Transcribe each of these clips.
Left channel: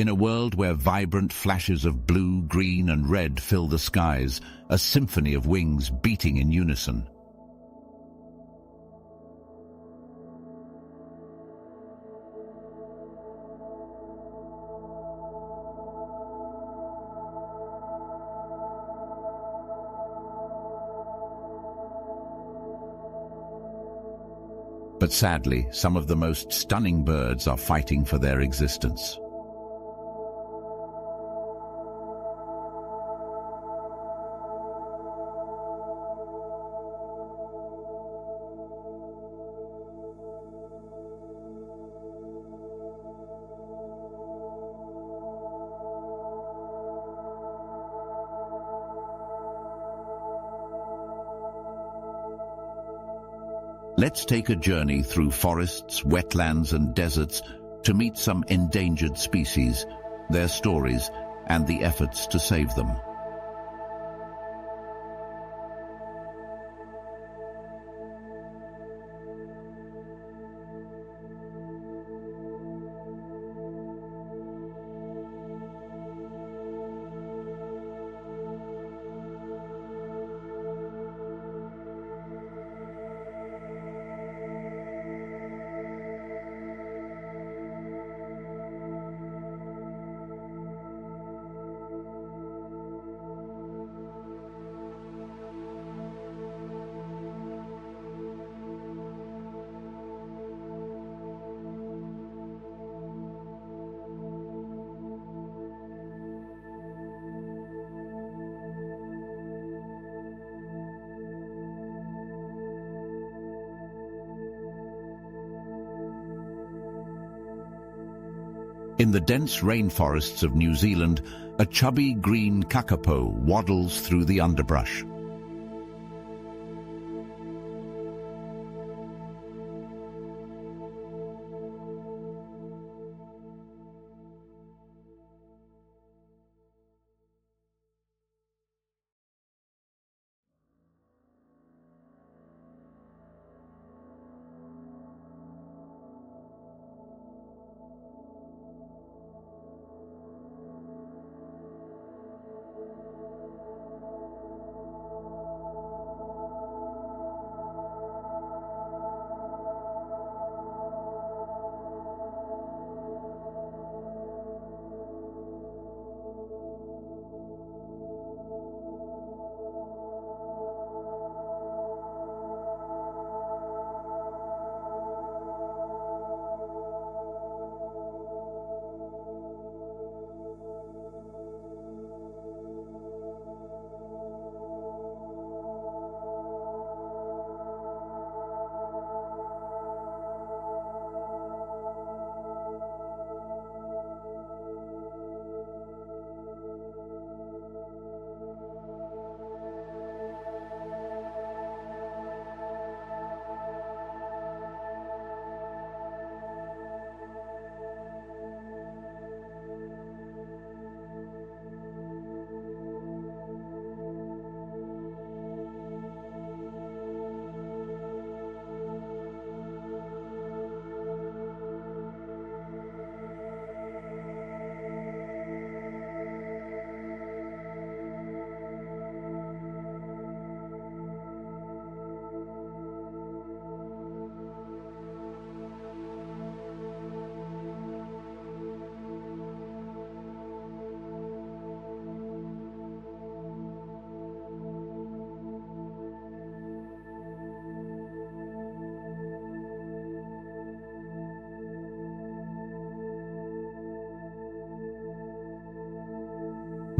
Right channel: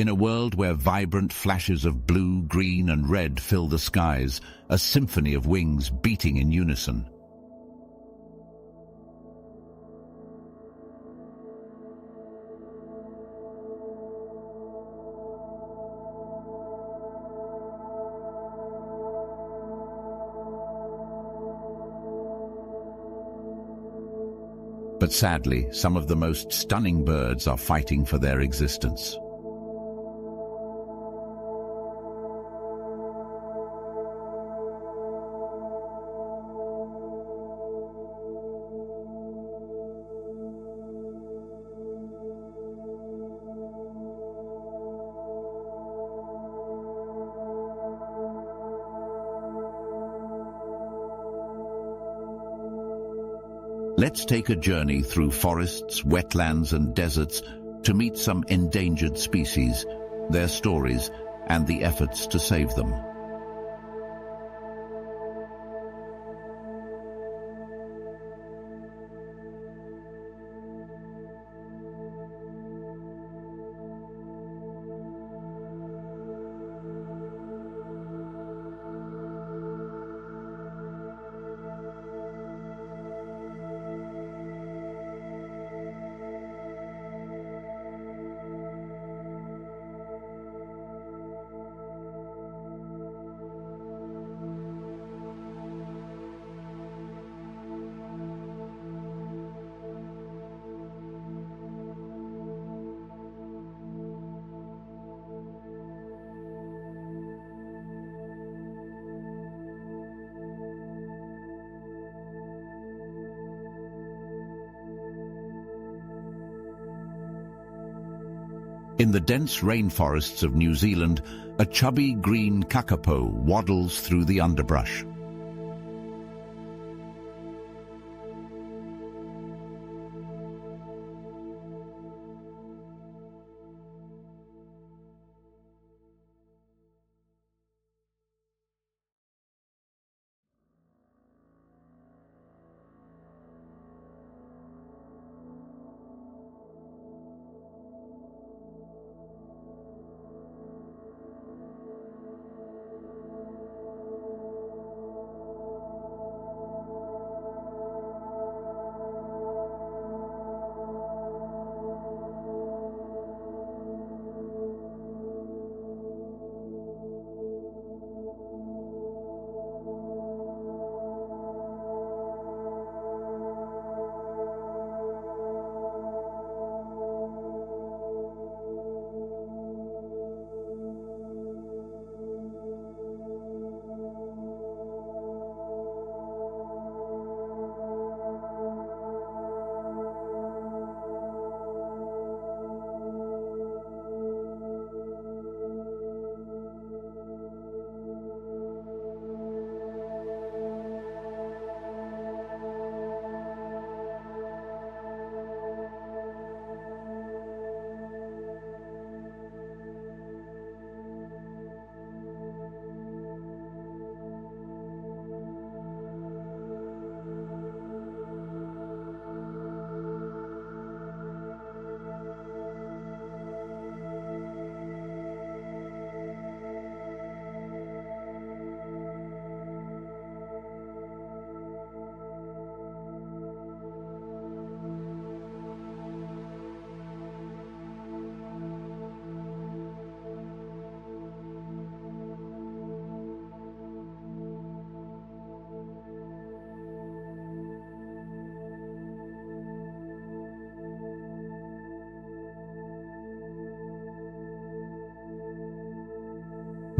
In a world where vibrant flashes of blue, green and red fill the skies, a symphony of wings beating in unison. But sadly, some of the most stunning birds are fighting for their existence. Let's take a journey through forests, wetlands and deserts to meet some endangered species, their stories and the efforts to save them. In the dense rainforests of New Zealand, a chubby green kakapo waddles through the underbrush.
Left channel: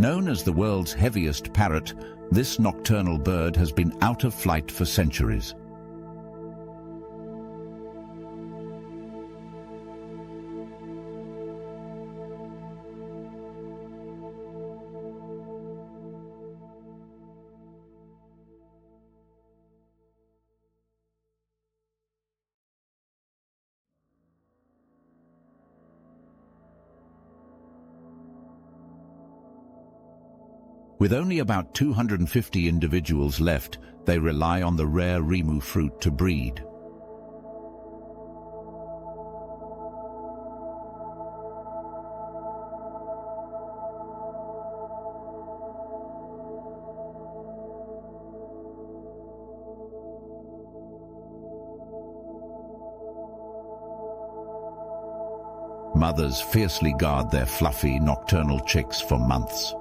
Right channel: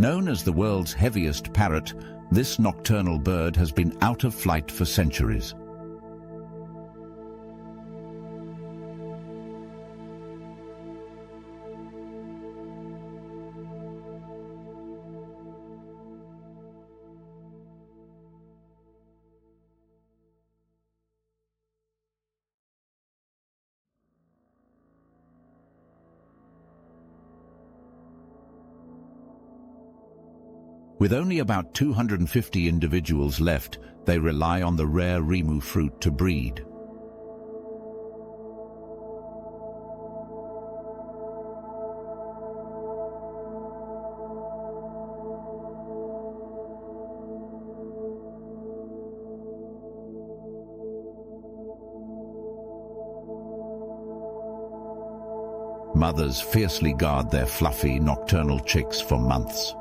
Known as the world's heaviest parrot, this nocturnal bird has been out of flight for centuries. With only about 250 individuals left, they rely on the rare rimu fruit to breed. Mothers fiercely guard their fluffy, nocturnal chicks for months.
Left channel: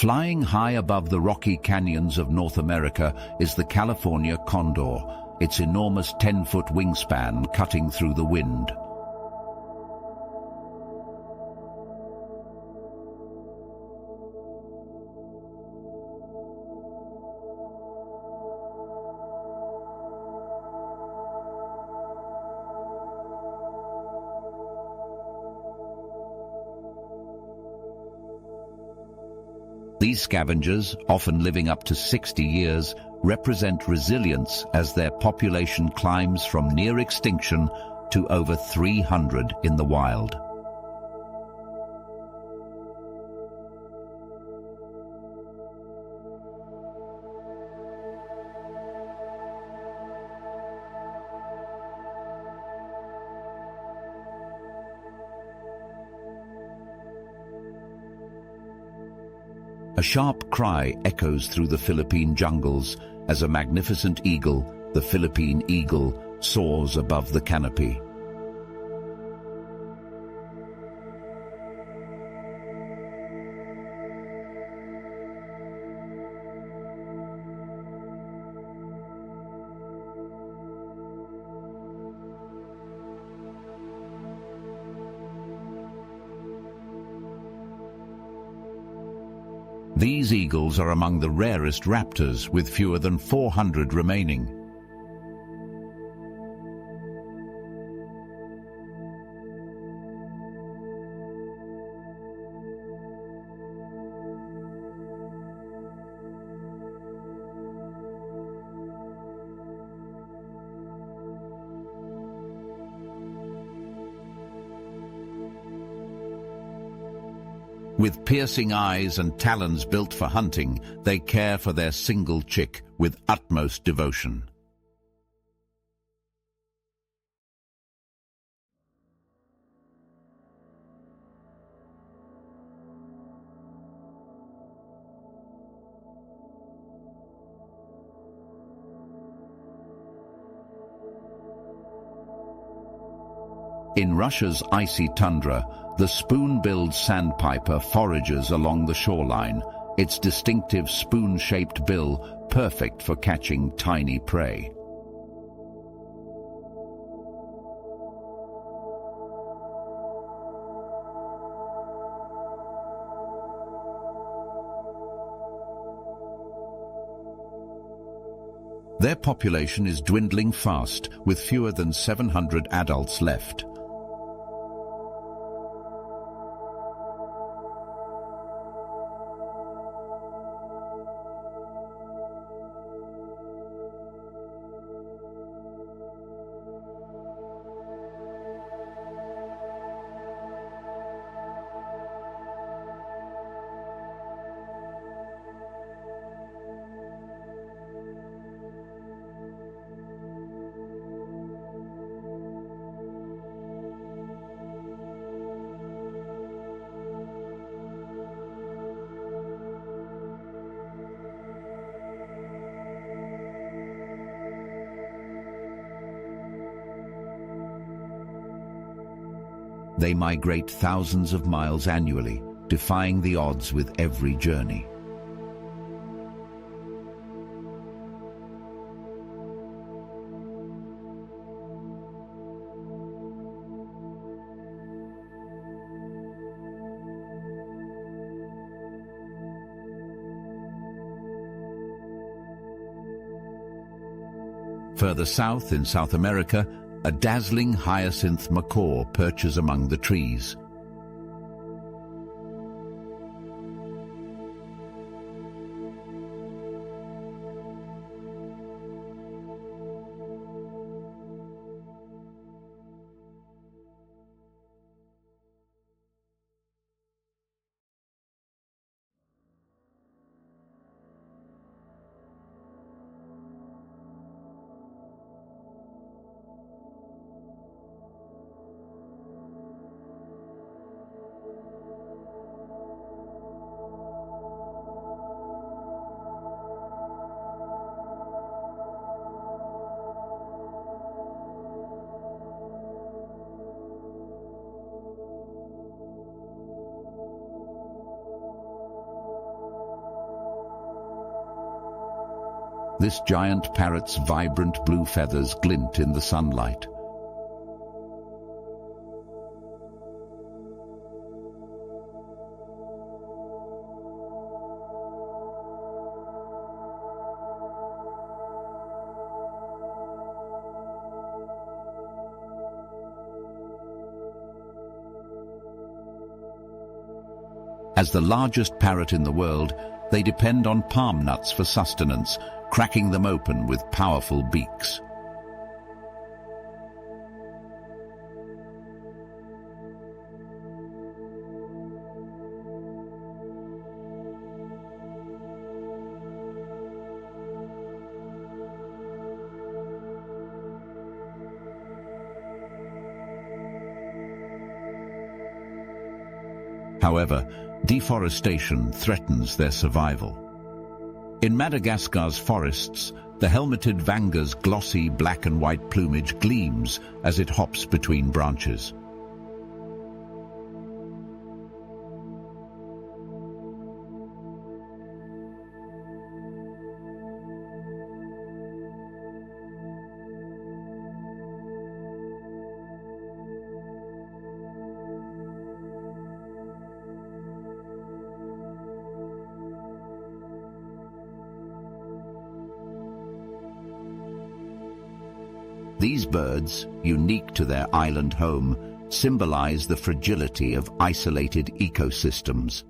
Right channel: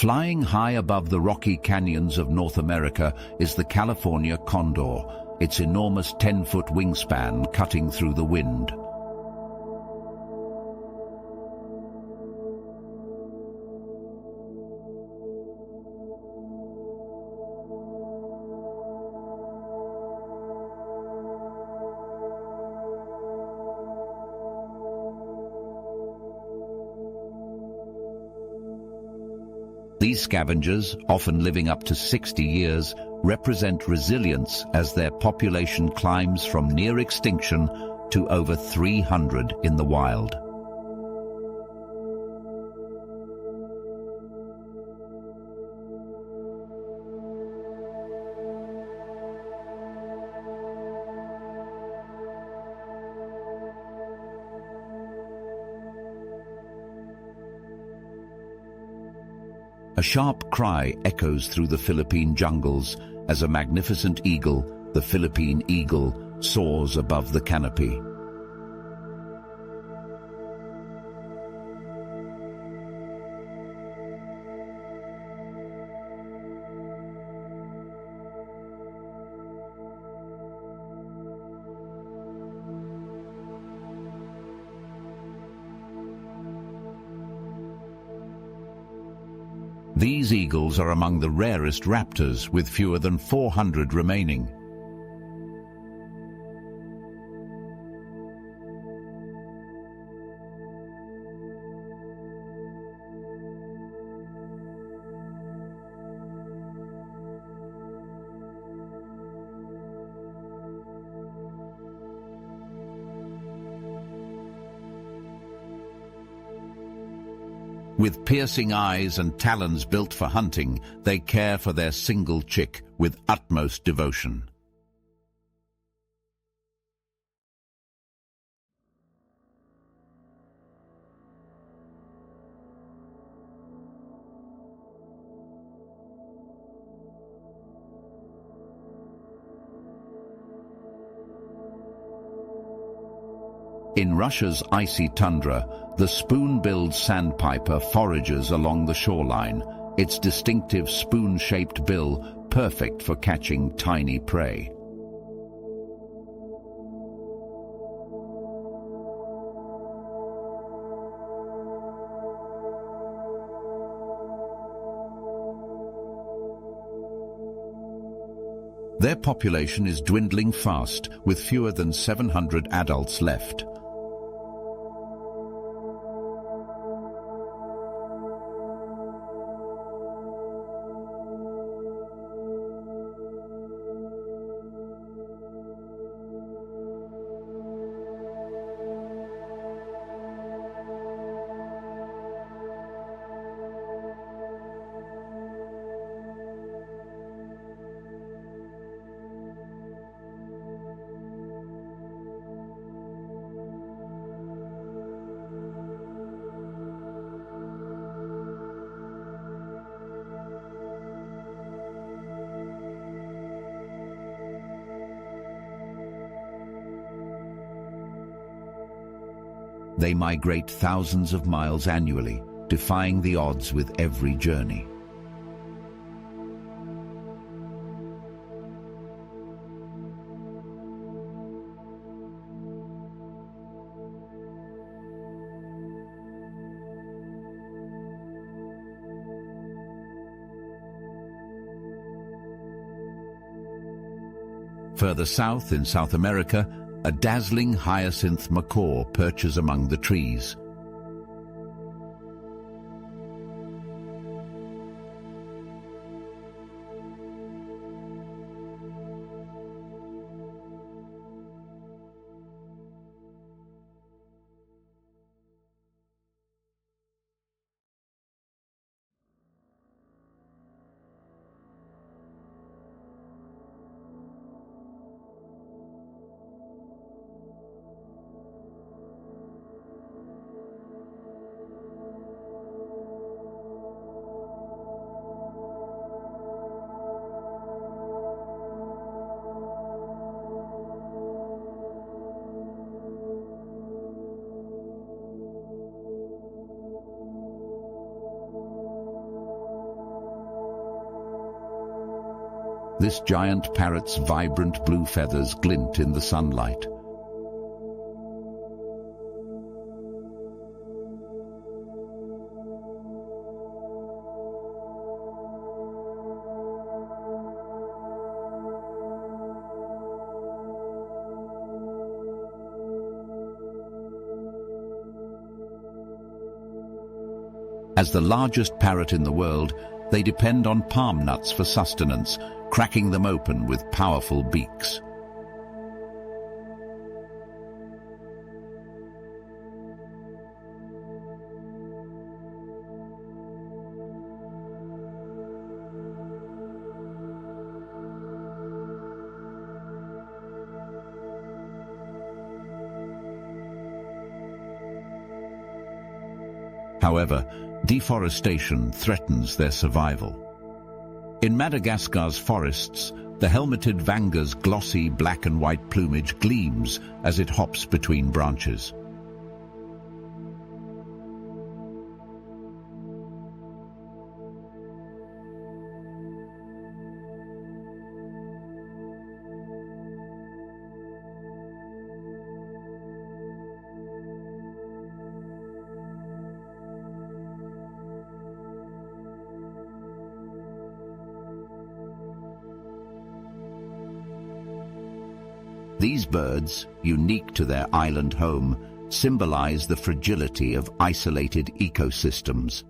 Flying high above the rocky canyons of North America is the California condor, its enormous 10-foot wingspan cutting through the wind. These scavengers, often living up to 60 years, represent resilience as their population climbs from near extinction to over 300 in the wild. A sharp cry echoes through the Philippine jungles as a magnificent eagle, the Philippine eagle, soars above the canopy. These eagles are among the rarest raptors, with fewer than 400 remaining. With piercing eyes and talons built for hunting, they care for their single chick with utmost devotion. In Russia's icy tundra, the spoon-billed sandpiper forages along the shoreline, its distinctive spoon-shaped bill perfect for catching tiny prey. Their population is dwindling fast, with fewer than 700 adults left. They migrate thousands of miles annually, defying the odds with every journey. Further south, in South America, a dazzling hyacinth macaw perches among the trees. This giant parrot's vibrant blue feathers glint in the sunlight. As the largest parrot in the world, they depend on palm nuts for sustenance, cracking them open with powerful beaks. However, deforestation threatens their survival. In Madagascar's forests, the helmeted vanga's glossy black and white plumage gleams as it hops between branches. These birds, unique to their island home, symbolize the fragility of isolated ecosystems.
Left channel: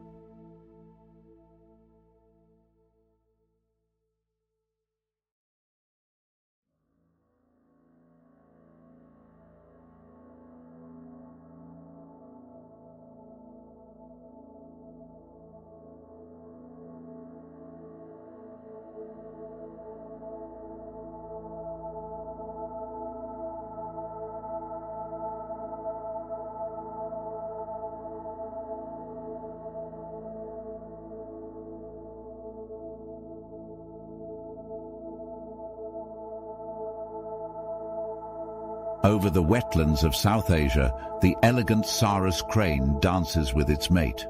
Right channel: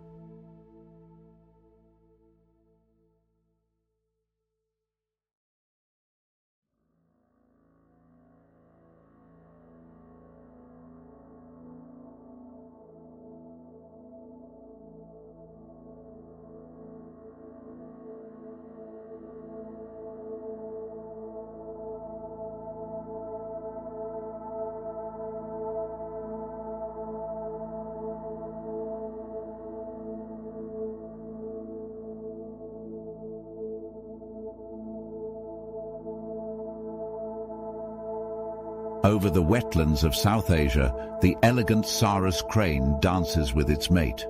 Over the wetlands of South Asia, the elegant Sarus crane dances with its mate.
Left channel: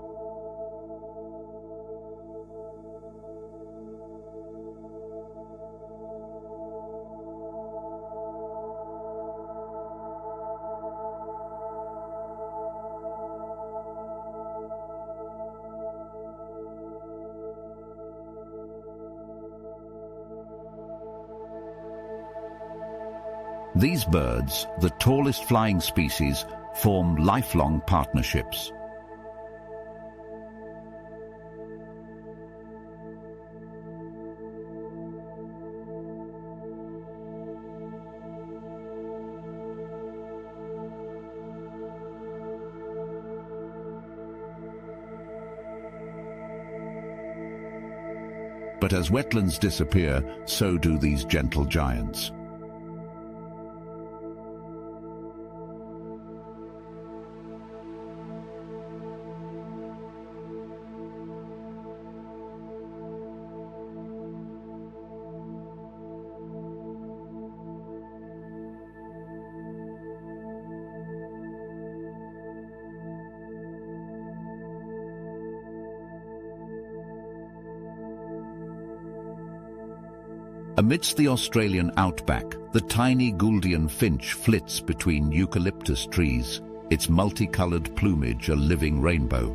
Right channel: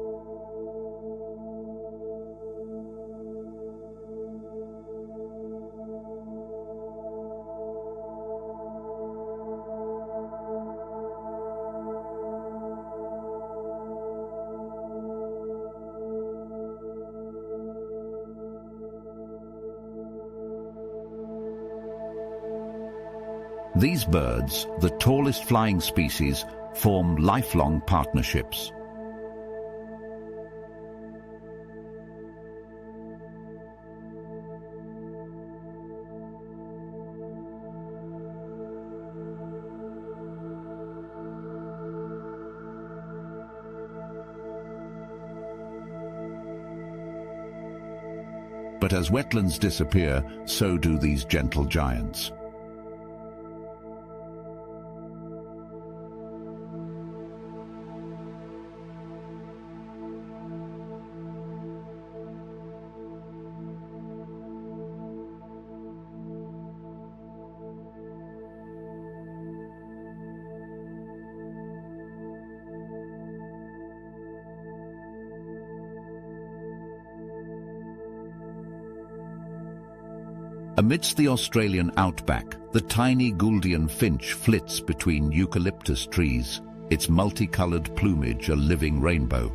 These birds, the tallest flying species, form lifelong partnerships. But as wetlands disappear, so do these gentle giants. Amidst the Australian outback, the tiny Gouldian finch flits between eucalyptus trees, its multicolored plumage a living rainbow.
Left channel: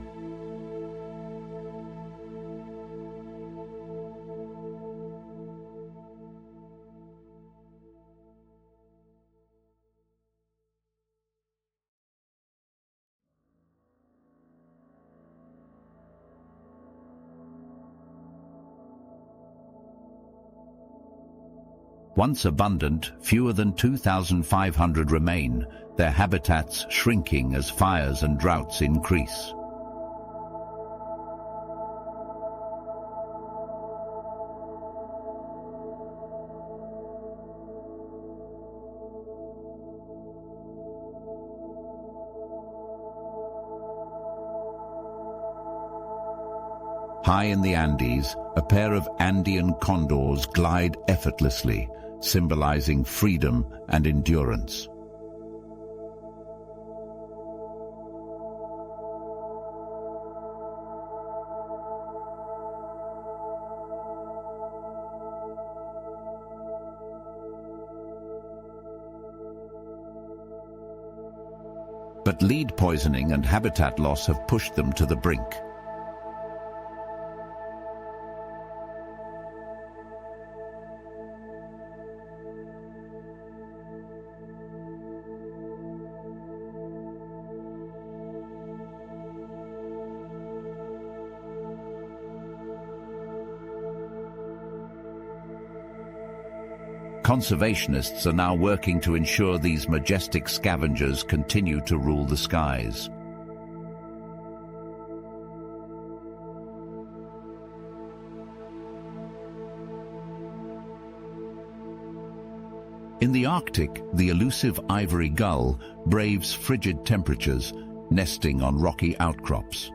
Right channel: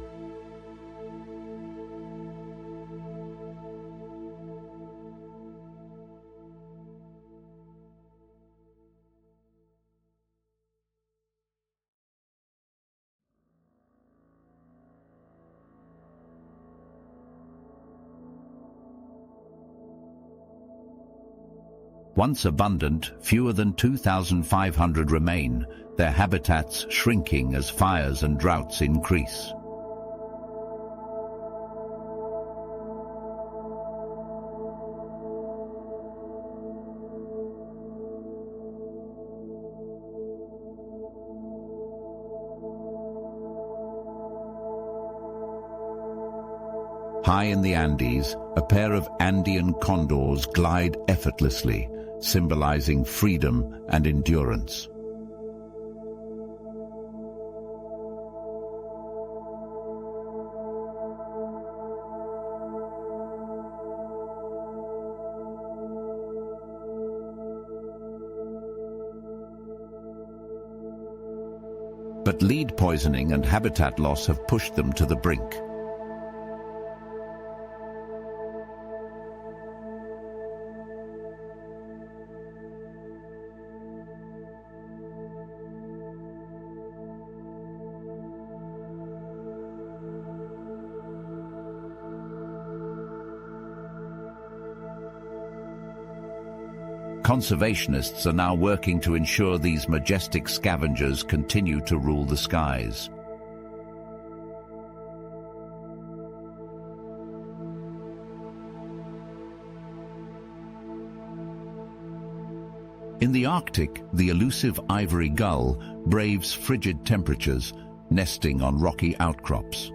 Once abundant, fewer than 2,500 remain, their habitats shrinking as fires and droughts increase. High in the Andes, a pair of Andean condors glide effortlessly, symbolizing freedom and endurance. But lead poisoning and habitat loss have pushed them to the brink. Conservationists are now working to ensure these majestic scavengers continue to rule the skies. In the Arctic, the elusive ivory gull braves frigid temperatures, nesting on rocky outcrops.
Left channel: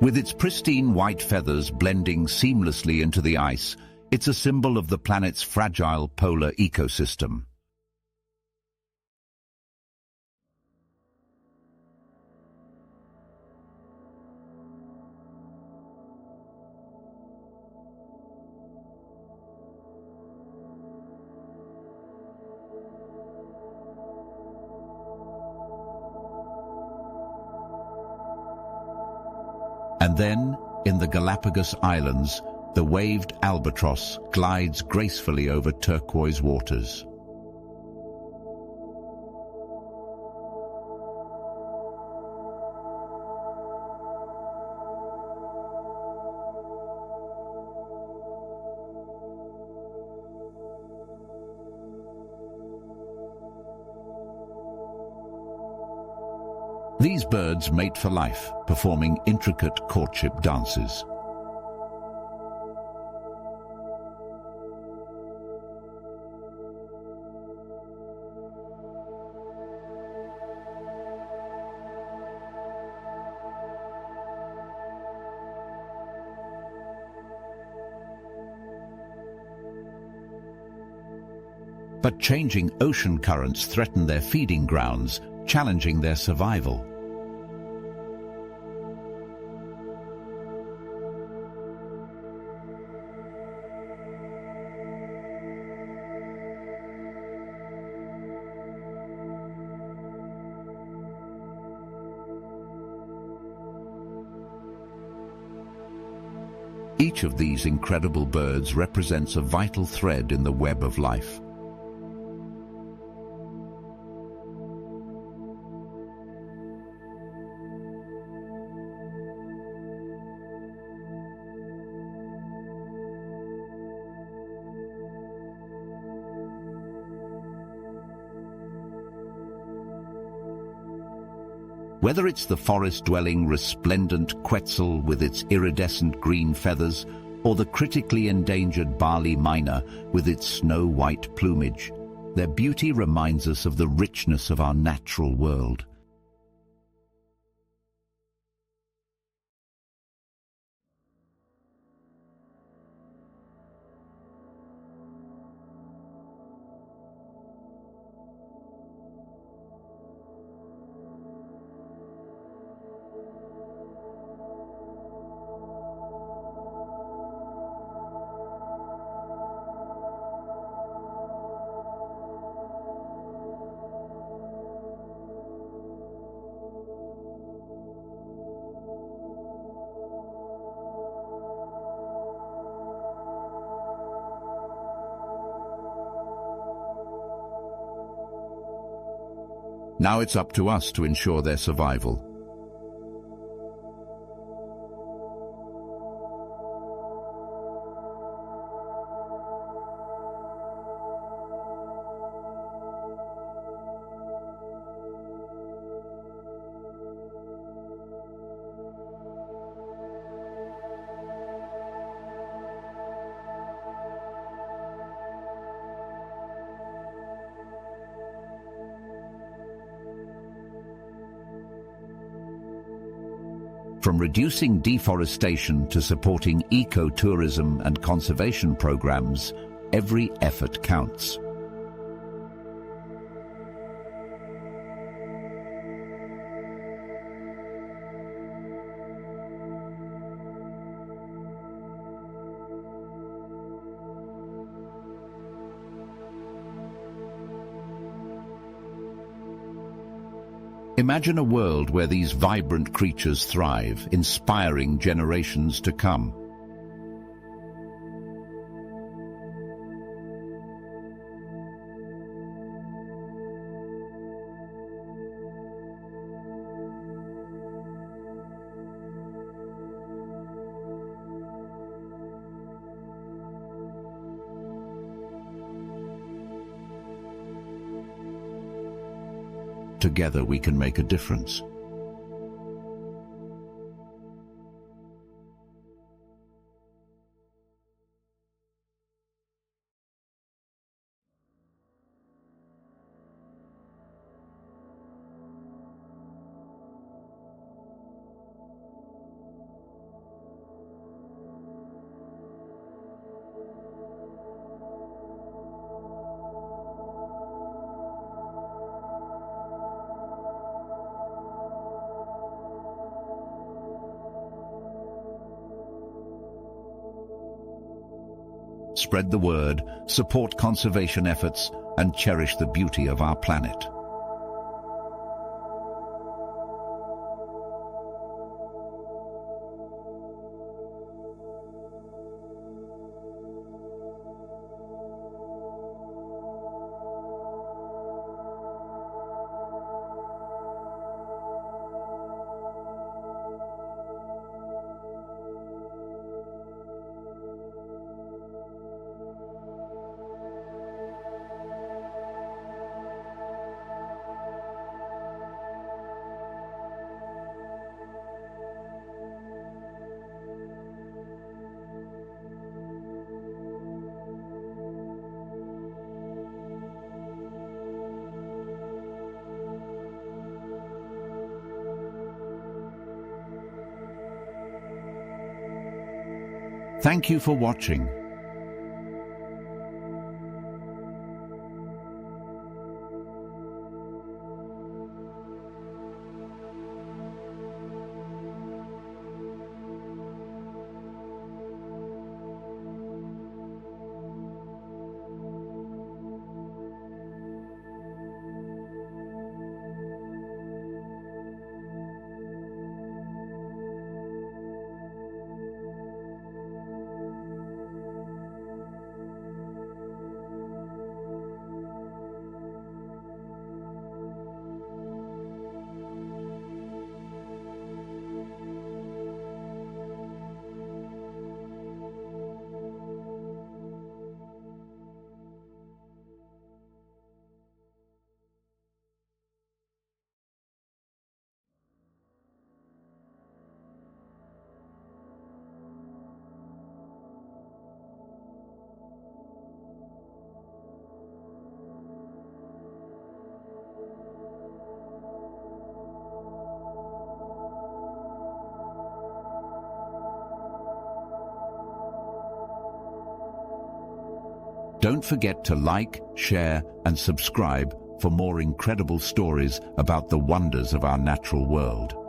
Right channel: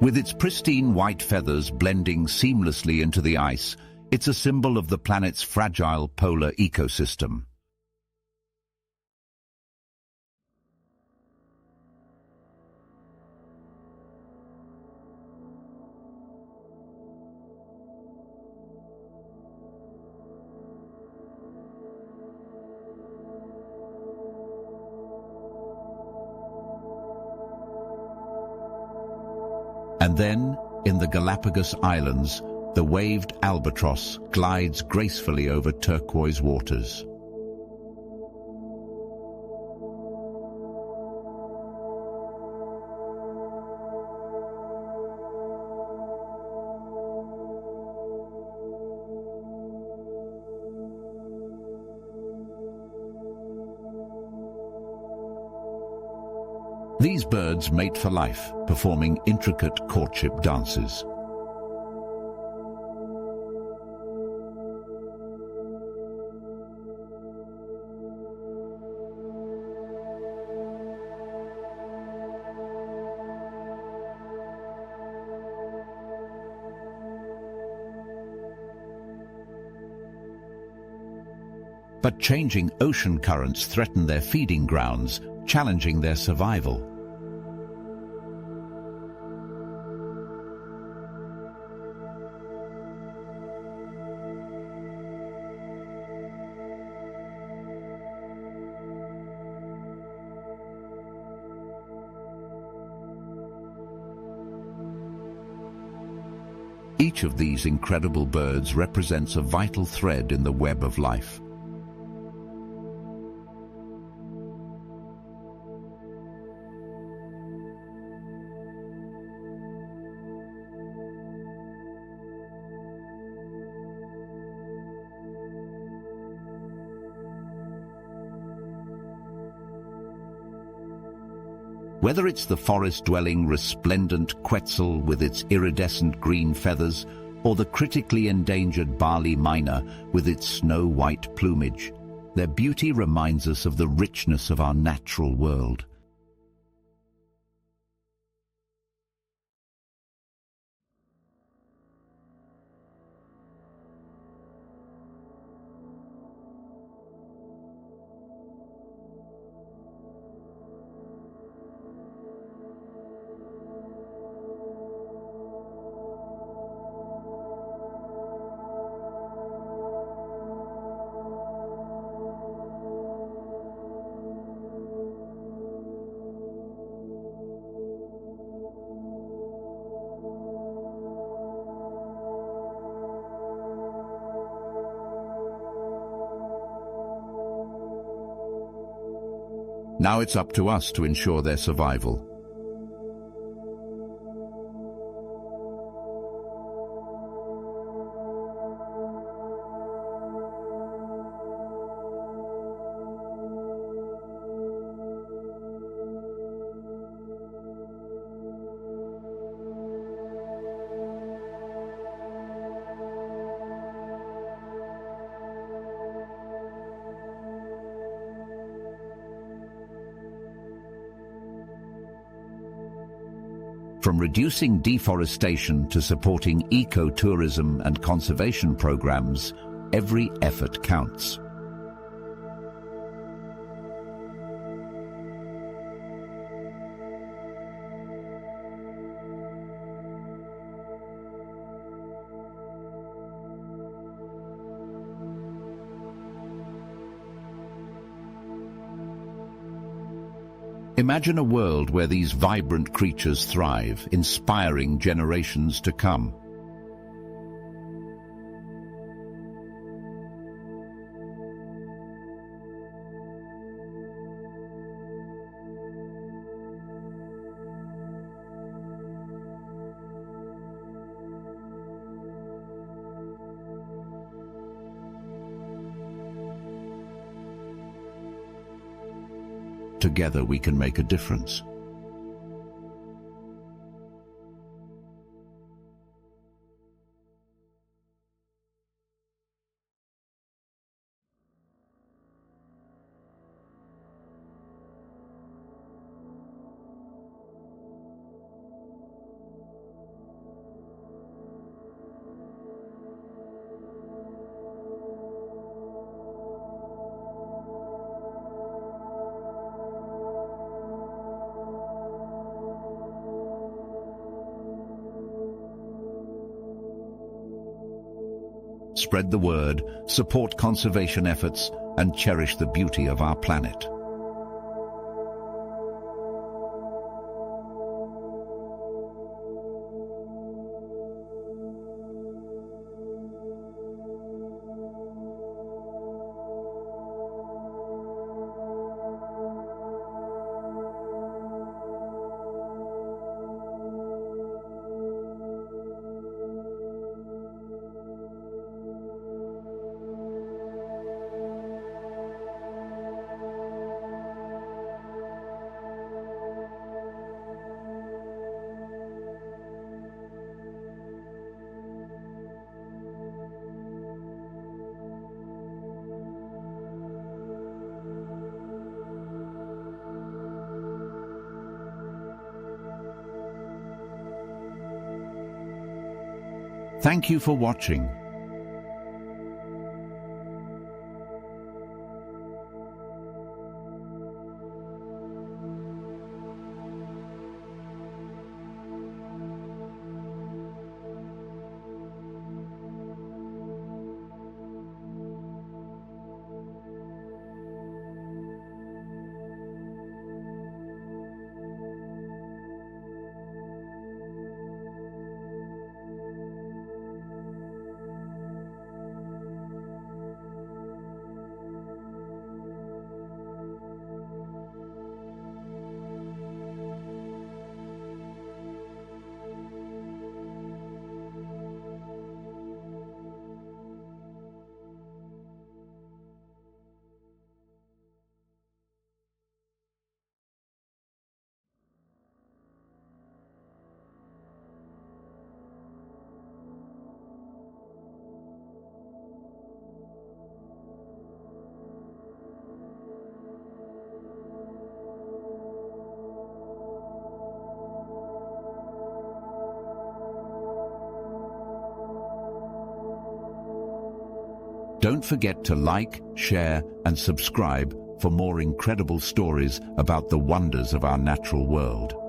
With its pristine white feathers blending seamlessly into the ice, it's a symbol of the planet's fragile polar ecosystem. And then, in the Galapagos Islands, the waved albatross glides gracefully over turquoise waters. These birds mate for life, performing intricate courtship dances. But changing ocean currents threaten their feeding grounds, challenging their survival. Each of these incredible birds represents a vital thread in the web of life. Whether it's the forest-dwelling resplendent quetzal with its iridescent green feathers, or the critically endangered barley myna with its snow-white plumage, their beauty reminds us of the richness of our natural world. Now it's up to us to ensure their survival. From reducing deforestation to supporting ecotourism and conservation programs, every effort counts. Imagine a world where these vibrant creatures thrive, inspiring generations to come. Together we can make a difference. Spread the word, support conservation efforts, and cherish the beauty of our planet. Thank you for watching. Don't forget to like, share, and subscribe for more incredible stories about the wonders of our natural world.